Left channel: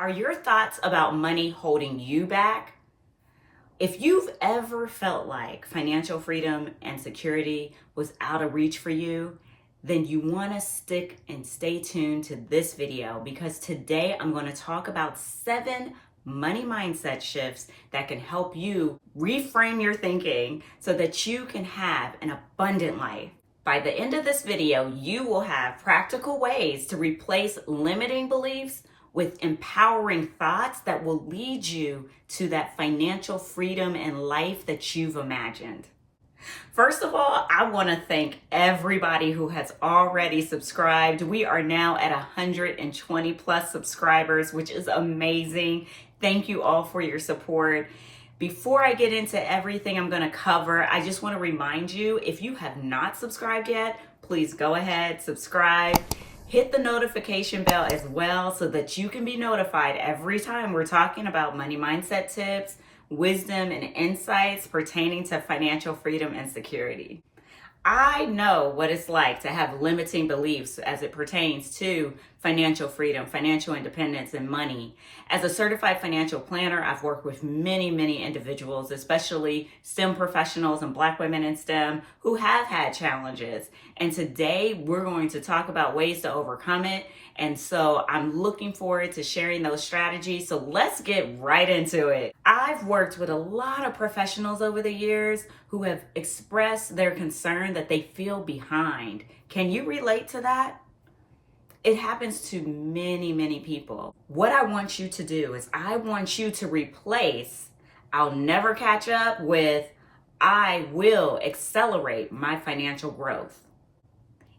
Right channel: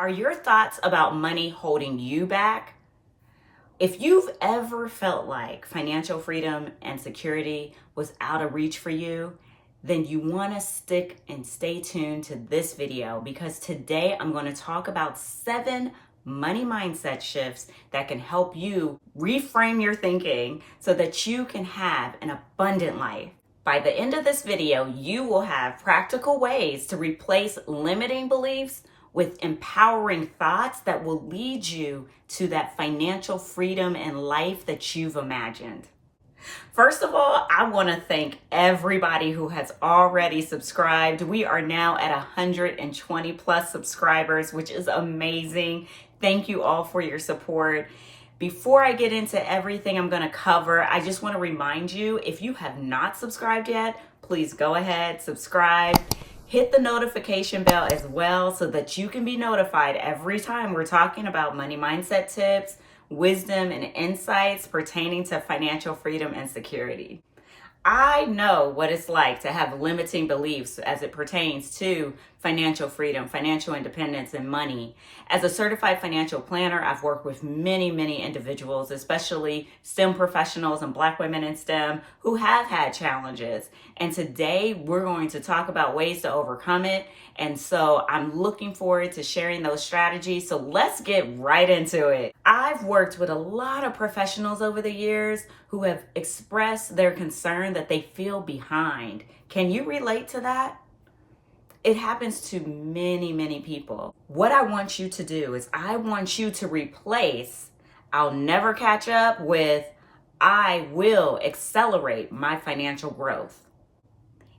Are your thoughts about money holding you back? If you've ever felt like financial freedom and security was out of reach for you, then you want to stick and stay tuned to this video because today I'm going to talk about 7 money mindset shifts that can help you reframe your thinking so that you can have an abundant life. By the end of this video, you will have practical ways to replace limiting beliefs with empowering thoughts that will lead you to that financial freedom and life that you've imagined. First of all, I want to thank everybody who has already subscribed. We are now at 120 plus subscribers, which is amazing. Thank you all for your support. Before I get into everything I'm going to cover, I just want to remind you, if you have not subscribed yet, please go ahead, subscribe. Hit the notification bell as well so that you can be notified every time we're talking about money mindset tips, wisdom, and insights pertaining to financial freedom and security. I know what it's like to have limiting beliefs as it pertains to financial freedom, financial independence, and money. As a certified financial planner, I've worked with many individuals, especially STEM professionals and Black women in STEM who have had challenges. And today we're going to talk about ways to overcome it. And so I'm looking forward to sharing those strategies. So let's get right into it. I've worked with a lot of professionals over the years who have expressed their concern that they feel behind. Can you relate to that? It happens to many people. What I want you to do is I want you to replace "I'll never catch up" with "I will accelerate my financial growth."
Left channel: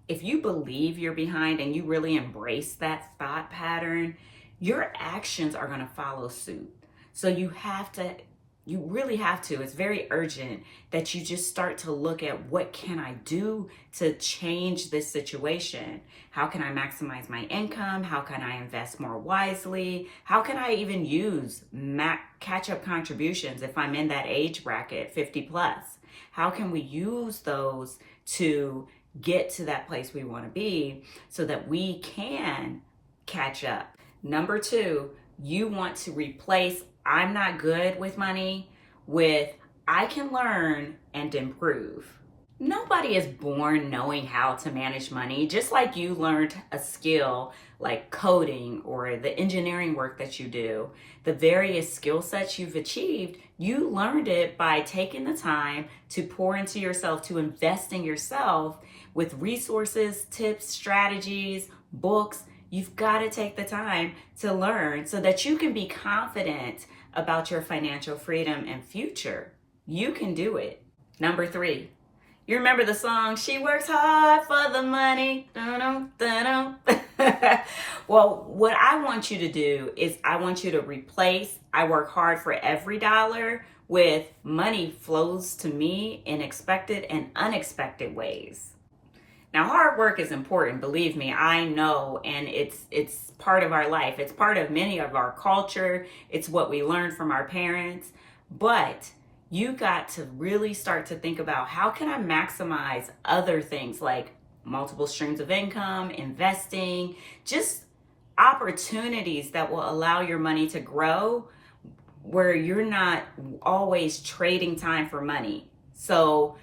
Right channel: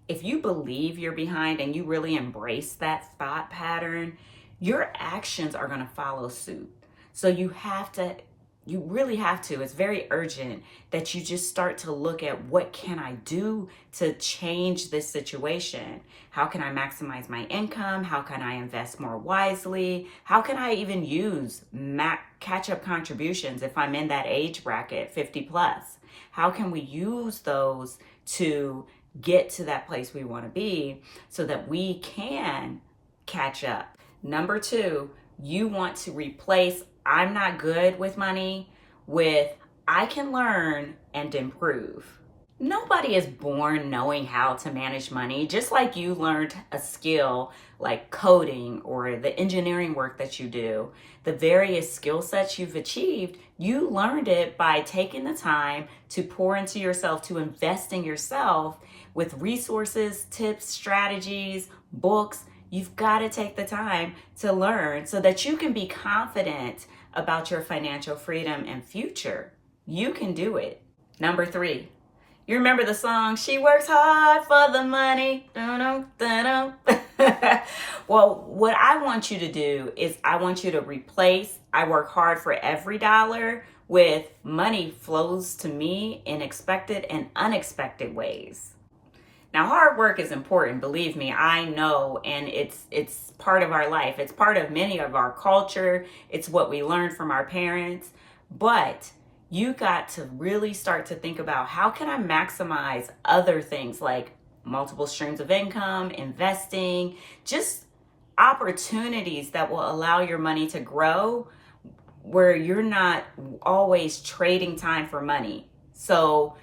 If you believe you're behind and you really embrace that thought pattern, your actions are going to follow suit. So you really have to, it's very urgent that you just start to look at what can I do to change this situation? How can I maximize my income? How can I invest more wisely? How can I even use catch-up contributions if I'm in that age bracket, 50 plus? How can we use those to get to that place we want to be so that we can catch up? Number 2, you want to replace "I'm not good with money" with "I can learn and improve." Nobody is born knowing how to manage money, just like you learned a skill like coding or the engineering work that you do. The various skill sets you've achieved, you learned it by taking the time to pour into yourself, to invest in yourself with resources, tips, strategies, books. You've got to take the time to learn so that you can be confident about your financial freedom and future. You can do it. Number 3, you remember the song, "She works hard for the money." Well, what I want you to do is I want you to replace "I work hard for every dollar" with "money flows to me in expected and unexpected ways." Now, hard work is important, believe me, I know, and it's part of our life. It's part of many of our culture. It's what we learned from our parents. But you got to really start to think about, how can I maximize other things like multiple streams of income, investing, just opportunities that will allow your money to grow where you're not always trading time for money. So,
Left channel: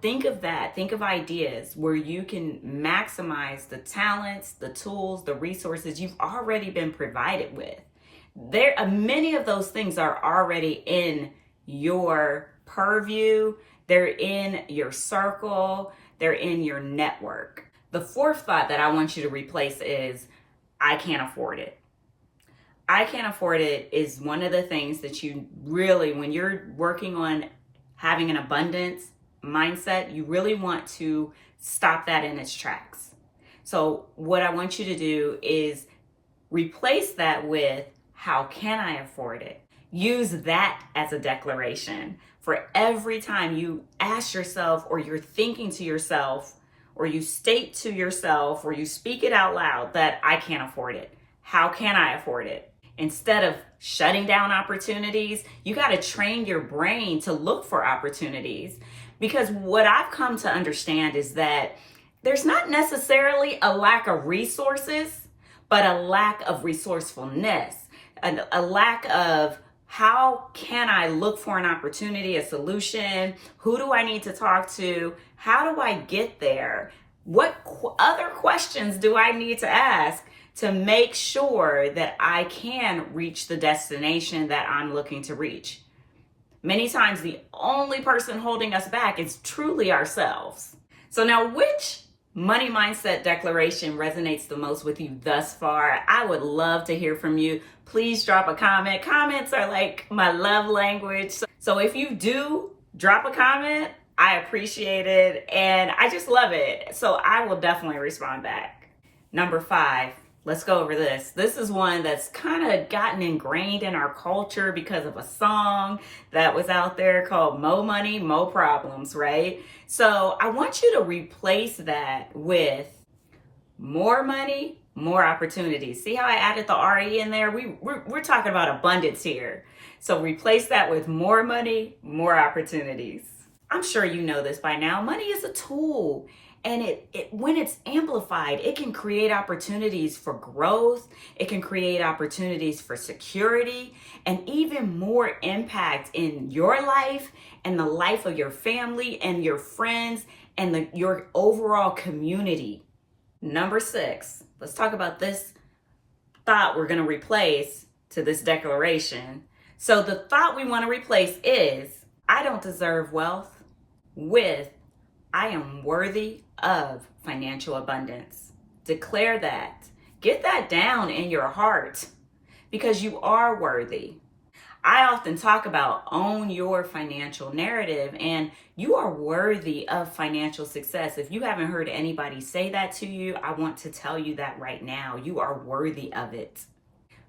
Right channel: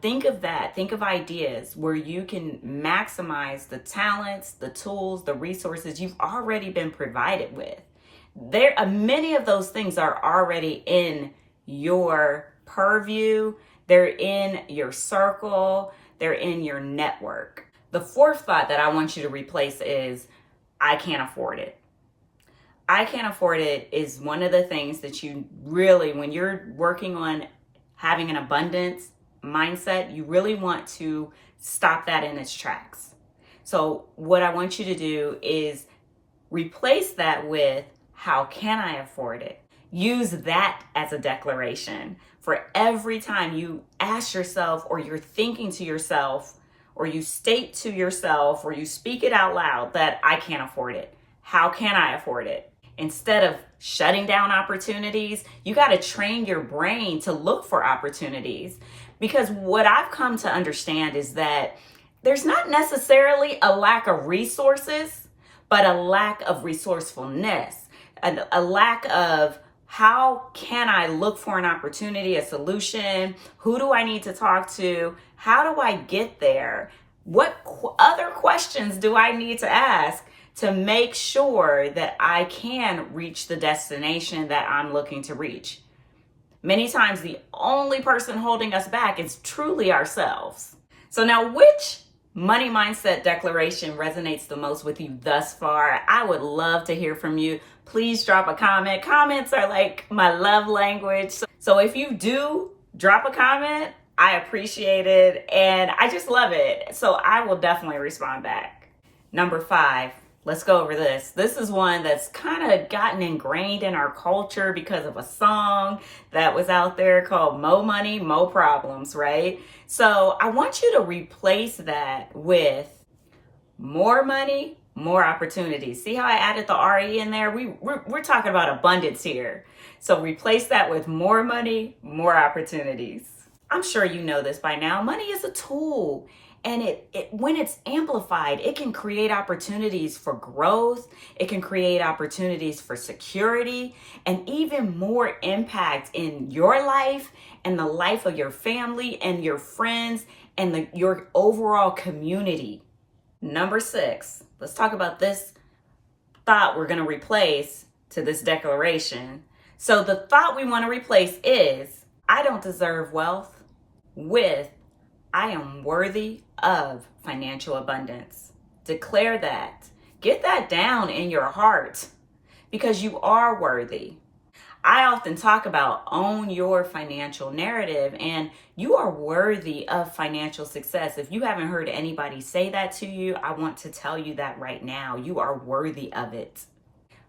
think of that. Think of ideas where you can maximize the talents, the tools, the resources you've already been provided with. Many of those things are already in your purview. They're in your circle. They're in your network. The 4th thought that I want you to replace is "I can't afford it." "I can't afford it" is one of the things that you really, when you're working on having an abundance mindset, you really want to stop that in its tracks. So what I want you to do is replace that with "How can I afford it?" Use that as a declaration for every time you ask yourself, or you're thinking to yourself, or you state to yourself, or you speak it out loud that "I can't afford it." How can I afford it? Instead of shutting down opportunities, you got to train your brain to look for opportunities. Because what I've come to understand is that there's not necessarily a lack of resources, but a lack of resourcefulness. a lack of how can I look for an opportunity, a solution? Who do I need to talk to? How do I get there? What other questions do I need to ask to make sure that I can reach the destination that I'm looking to reach? Many times, the only person holding us back is truly ourselves. So now, which money mindset declaration resonates the most with you thus far? I would love to hear from you. Please drop a comment. Comments are like my love language. So if you do drop a comment, I appreciate it and I just love it. So I will definitely respond back. Number 5. Let's go over this. This is one that's kind of gotten ingrained in our culture because of a song that was out there called Mo Money, Mo Problems, right? So I want you to replace that with more money, more opportunities. See how I added the RE in there? We're talking about abundance here. So replace that with more money, more opportunities. I'm sure you know this by now. Money is a tool. And it when it's amplified, it can create opportunities for growth. It can create opportunities for security and even more impact in your life and the life of your family and your friends and your overall community. Number 6, let's talk about this thought we're going to replace to this declaration. So the thought we want to replace is, I don't deserve wealth, with I am worthy of financial abundance. Declare that. Get that down in your heart because you are worthy. I often talk about own your financial narrative, and you are worthy of financial success. If you haven't heard anybody say that to you, I want to tell you that right now. You are worthy of it.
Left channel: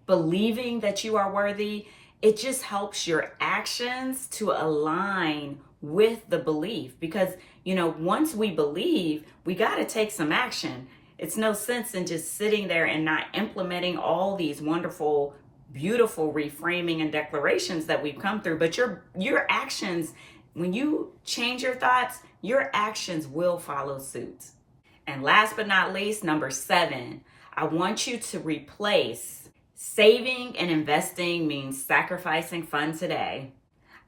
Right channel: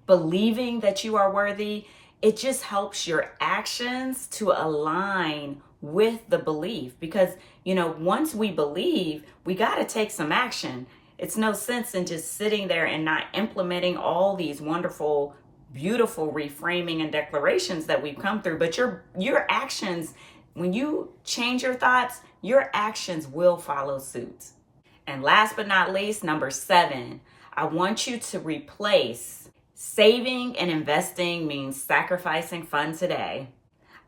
Believing that you are worthy, it just helps your actions to align with the belief because, once we believe, we got to take some action. It's no sense in just sitting there and not implementing all these wonderful, beautiful reframing and declarations that we've come through. But your actions, when you change your thoughts, your actions will follow suit. And last but not least, number 7, I want you to replace saving and investing means sacrificing fun today.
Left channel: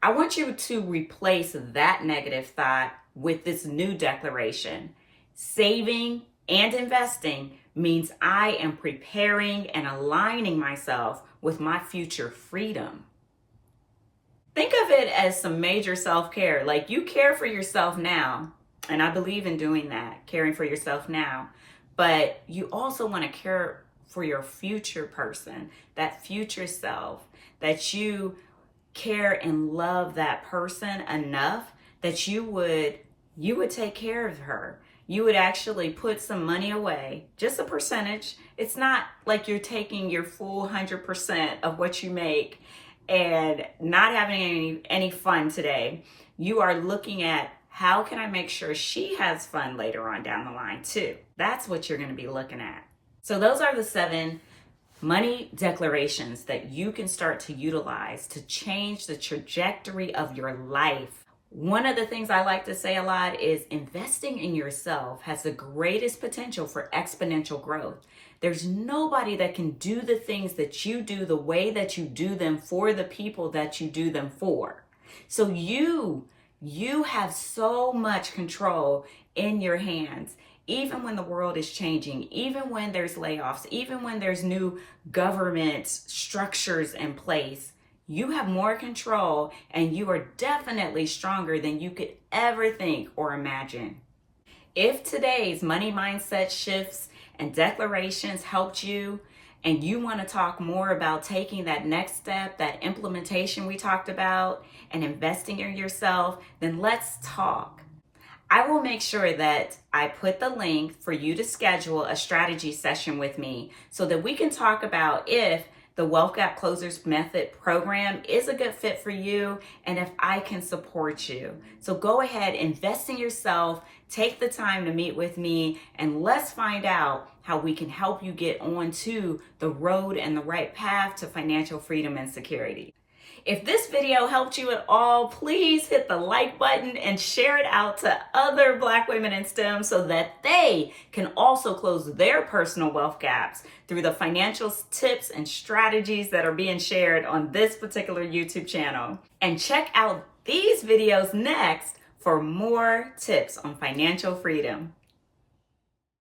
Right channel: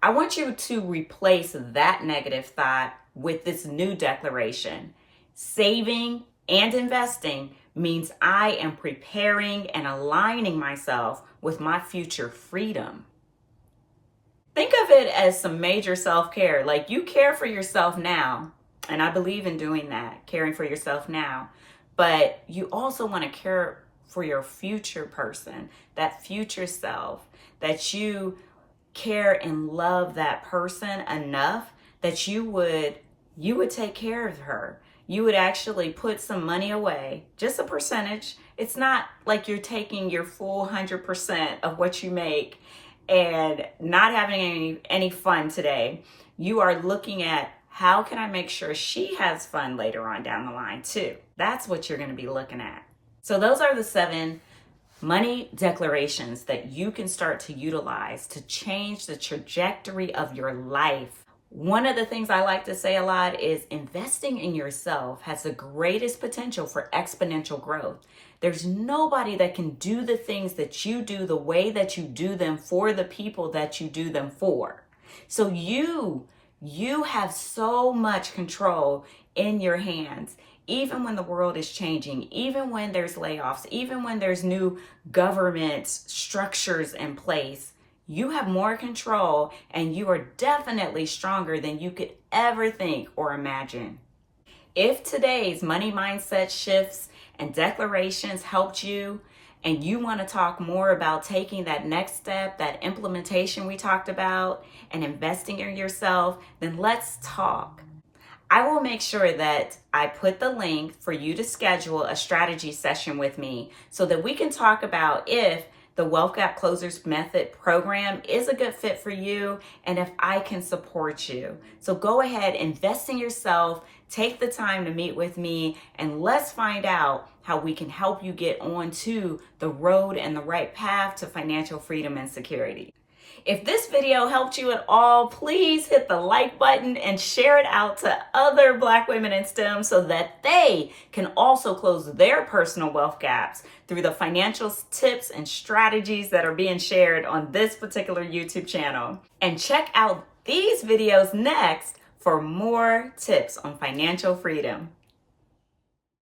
I want you to replace that negative thought with this new declaration. Saving and investing means I am preparing and aligning myself with my future freedom. Think of it as some major self-care. Like you care for yourself now, and I believe in doing that, caring for yourself now. But you also want to care for your future person, that future self, that you care and love that person enough that you would take care of her. You would actually put some money away, just a percentage. It's not like you're taking your full 100% of what you make and not having any fun today. You are looking at how can I make sure she has fun later on down the line too. That's what you're going to be looking at. So those are the 7 money declarations that you can start to utilize to change the trajectory of your life. One of the things I like to say a lot is investing in yourself has the greatest potential for exponential growth. There's nobody that can do the things that you do the way that you do them for the people that you do them for. So you have so much control in your hands. Even when the world is changing, even when there's layoffs, even when there's new government structures in place, you have more control and you are definitely stronger than you could ever think or imagine. If today's money mindset shifts and declarations helped you, and you want to talk more about taking that next step, that implementation we talked about, and investing in yourself, then let's talk. I will make sure that I put the link for you to schedule a strategy session with me so that we can talk about if the Wealth Gap Closers Method program is a good fit for you and if I can support you. So go ahead, invest in yourself, take the time to meet with me, and let's find out how we can help you get onto the road and the right path to financial freedom and security. If this video helped you at all, please hit the like button and share it out to other Black women in STEM so that they can also close their personal wealth gaps through the financial tips and strategies that are being shared on this particular YouTube channel. And check out these videos next for more tips on financial freedom.